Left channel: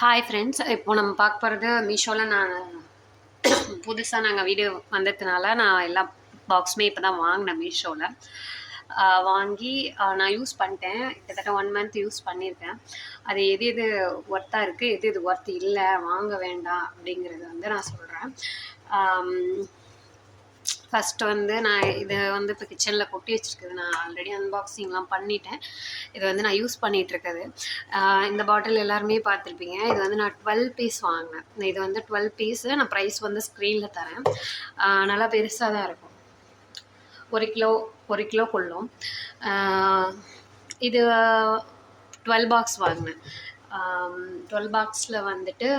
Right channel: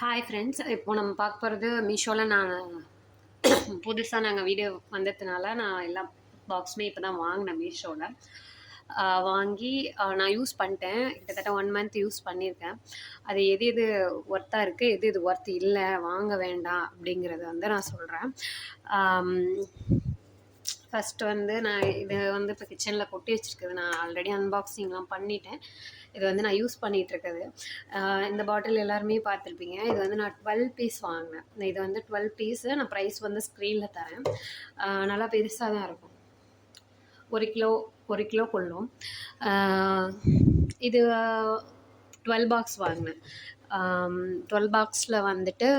Hi friends, இப்போ நம்ம பார்க்க போகிறது மீஷோவில் நான் புதுசாக நாங்கள் வீடு வந்ததுனால நான் எல்லா பாக்ஸுமே இப்போ தான் வாங்கினேன் மீஷோவில். வாங்கி நான் யூஸ் பண்ணிட்டேன். கிட்டத்தட்ட 1 மந்த் யூஸ் பண்ணியிருக்கேன். அது எது எது ஒர்த்தாக இருக்குது, எது எது ஒர்த் இல்லை, வாங்க வேண்டாம் அப்படிங்கிறத வந்து நான் சொல்கிறேன். ஃபஸ்ட்டு வந்து நான் இதை வந்து இப்போ கிச்சனில் கொட்டி வச்சுருக்குது. நான் ஆல்ரெடி அன்பாக்சிங்லாம் பண்ணிட்டேன். இது வந்து நான் யூஸ் பண்ணிகிட்ருக்குது. இந்த பாட்டில் எல்லாருமே பார்த்துருப்பீங்க. இது வந்து நான் 12 பீஸ் வாங்கினேன். இது வந்து 12 பீஸு. நான் ப்ரைஸ் வந்து ஸ்க்ரீனில் தரேன். நல்லா பெருசாக தான் இருக்கும். 1 கிலோ கொள்ளும். இது 12 பாக்ஸ் வாங்கினேன். 12 பாக்ஸில் வந்துட்டு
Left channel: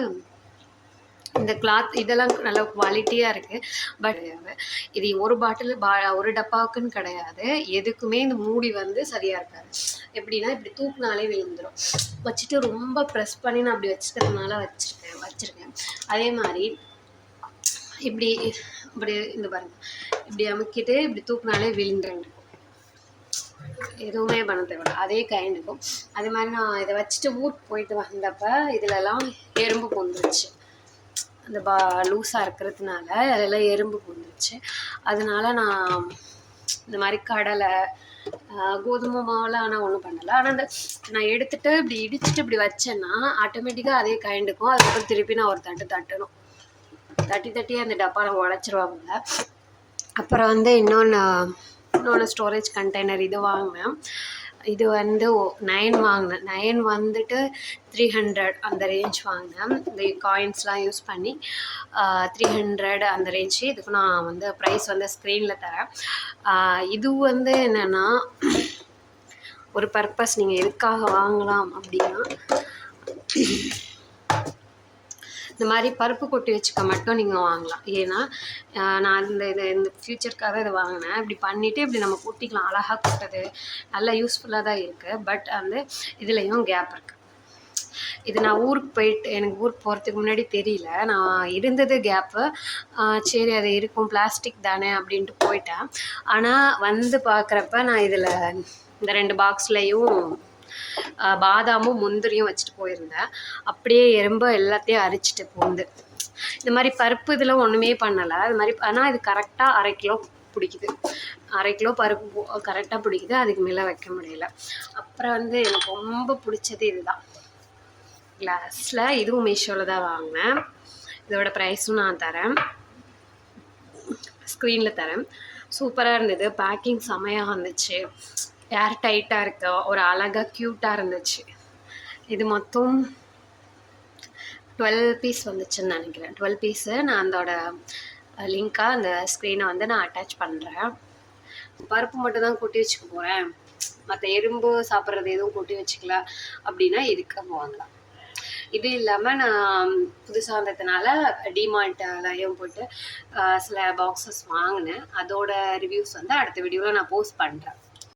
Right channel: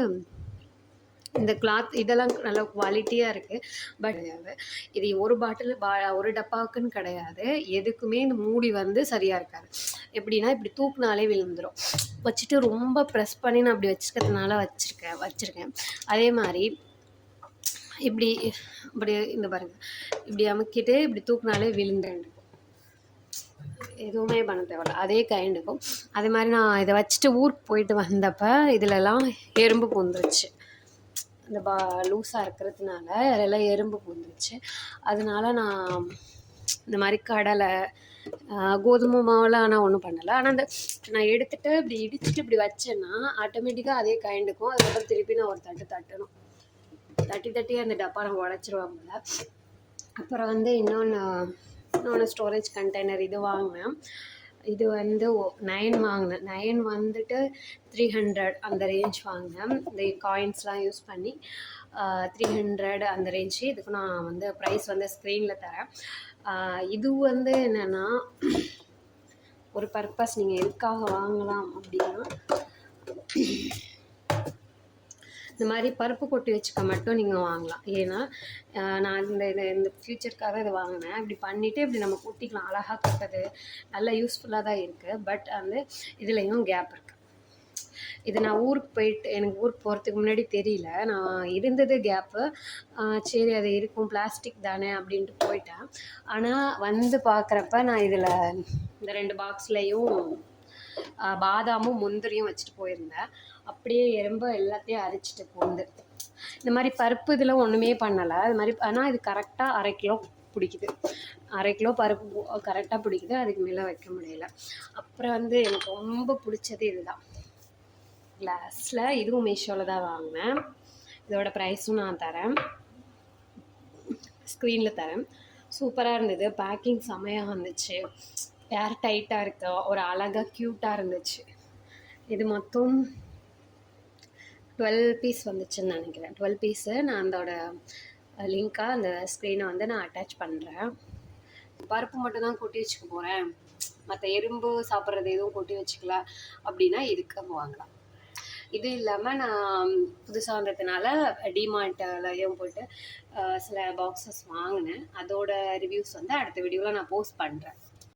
இந்த கிளாத் இதெல்லாம் நல்ல குவாலிட்டியாக இருக்குது. பட் இது ஒரு பாட்டில் ஒரு டப்பாவுக்குன்னு கிடையாது. எதுக்குமே இந்த மூடி வந்து சரியாக இருக்காது. எப்படின்னா இப்படி தூக்குனாலே விழுந்துடும். வச்சுட்டு ரொம்ப ப்ரெஸ் பண்ணி நான் அப்படி வச்சுக்கிறதுனால வச்சுருக்கேன். அதே மாதிரி இப்படி இந்த பாருங்கள், இப்படி அமுக்கிட்டு இப்படி தூக்குனாலே விழுந்துடும். எதுவுமே பண்ண தேவையில்ல. அதே கைண்டுக்கும். அதே மாதிரி நான் இதை வச்சுட்டு ஊருக்கு போயிட்டு வந்தப்போ இதிலெல்லாம் எறும்பு பொந்துருச்சு. இந்த லூஸாக இருக்கிறதுனால அதெல்லாம் எறும்பு பூந்துருச்சு. அதனால நான் இந்த மாதிரி கடலை, கோதுமை மாவுலாம் ஆனால் ஒன்றும் பண்ணலை. ஆனால் அந்த நான் எடுத்துகிட்டு இப்படி இடிச்சுட்டு இப்படி வச்சேன்னா ஆட்டோமேட்டிக்காக அதே கைண்டுக்கும். அதுக்கப்புறம் திருப்பி நான் ஒரு தட்டணும். தட்டி அந்த டப்பாவில் உடச்சிருவாங்க. அப்புறம் வந்து இன்னொன்று ஸ்டோரேஜ் கண்டெய்னர் இது வாங்கினேன். இது வந்து 9 வாங்கினேன். 9 வந்துட்டு 300 அந்த ரேஞ்ச் வாங்கினேன். இந்த காயின்ஸ்லாம் யூஸ் பண்ணி 300 அந்த ரேஞ்சு. இதுக்கு நான் வந்து ப்ரைஸ் வந்து ஸ்க்ரீனில் தரேன். இது வந்து என்னென்னா ஒரு பர்பஸ், நீங்கள் எதுக்காக வாங்கலாம் அப்படின்னா, இந்த மாதிரி பருப்பு கொட்டி வச்சுக்க மட்டும் நீங்கள் வாங்கலாம். ஏன்னா நான் இந்த ஃப்யூச்சருக்காக இதை வாங்கினேன். இப்படி பண்ணிவிட்டு இப்படி நம்ம கொட்டிக்கலாம். அழகாக கொட்டுறது நல்லா யூஸ்ஃபுல்லாக தான் இருக்குது. பட் வந்து இதுலேயும் கேப் இருக்குது. இது நான் எனக்கு ஊருக்கு போகிறதுக்கு முன்னாடி தெரியல. நான் இருந்தது கேப்பு. சரி அது இருக்கும், பிளாஸ்டிக் தானே அப்படின்ட்டு போயிட்டேன். ஆனால் வந்து பார்க்குறப்ப நான் இதில் இந்த 2 பாக்ஸ்லேயும் பாதாமும் முந்திரியும் வச்சுட்டு போயிருந்தேன். அப்படியே எறும்பு எல்லாத்தையும் அரிச்சிட்டு போந்து. இந்த மாதிரி பருப்பு இதெல்லாம் ஒன்றுமே பண்ணலை. அது மாதிரி ஆனால் இது கரெக்டாக 1/2 கிலோ பிடிக்குது. 1/2 கிலோ பருப்பு கரெக்டாக பிடிக்குது. அதுக்கு மேலே வைக்க முடியல. அப்புறம் வந்து எனக்கு ரொம்ப பிடிச்சது இதுதான், கிளாஸில். இதுவும் மீஷோவில் தான் வாங்கினேன். இதோட ப்ரைஸும் நான் தரேன், ஸ்க்ரீனில் தரேன். சூப்பராக இருந்தது. பேக்கிங் செமையாக இருந்துச்சு. ஏர் டைட்டாக இருக்க ஒரு அழகாக க்யூட்டாக இருந்துச்சு. இது மொத்தம் 12 பீஸ் வந்துச்சுன்னு நினைக்கிறேன். 12 பீஸு. நான் அதோட லிங்காக அந்த ஸ்க்ரீனை வந்து நான் அட்டாச் பண்ணுறேன். பருப்பு மட்டும் தான் கொட்டி வச்சுக்க போகிறேன், மற்ற எறும்பு சாப்பிட்றது எதுவும் கொட்டி வச்சுக்கல அப்படின்னா இதுக்கு வாங்கலாம். இது இல்லாமல் நான் புதுசாக வந்ததுனால டிமார்ட்லையும் போய்ட்டு சில பாக்ஸஸ் வாங்கினேன். அதோட ரிவ்யூஸ் வந்து அடுத்த வீடியோவில் நான் போஸ்ட் பண்ணுறேன்.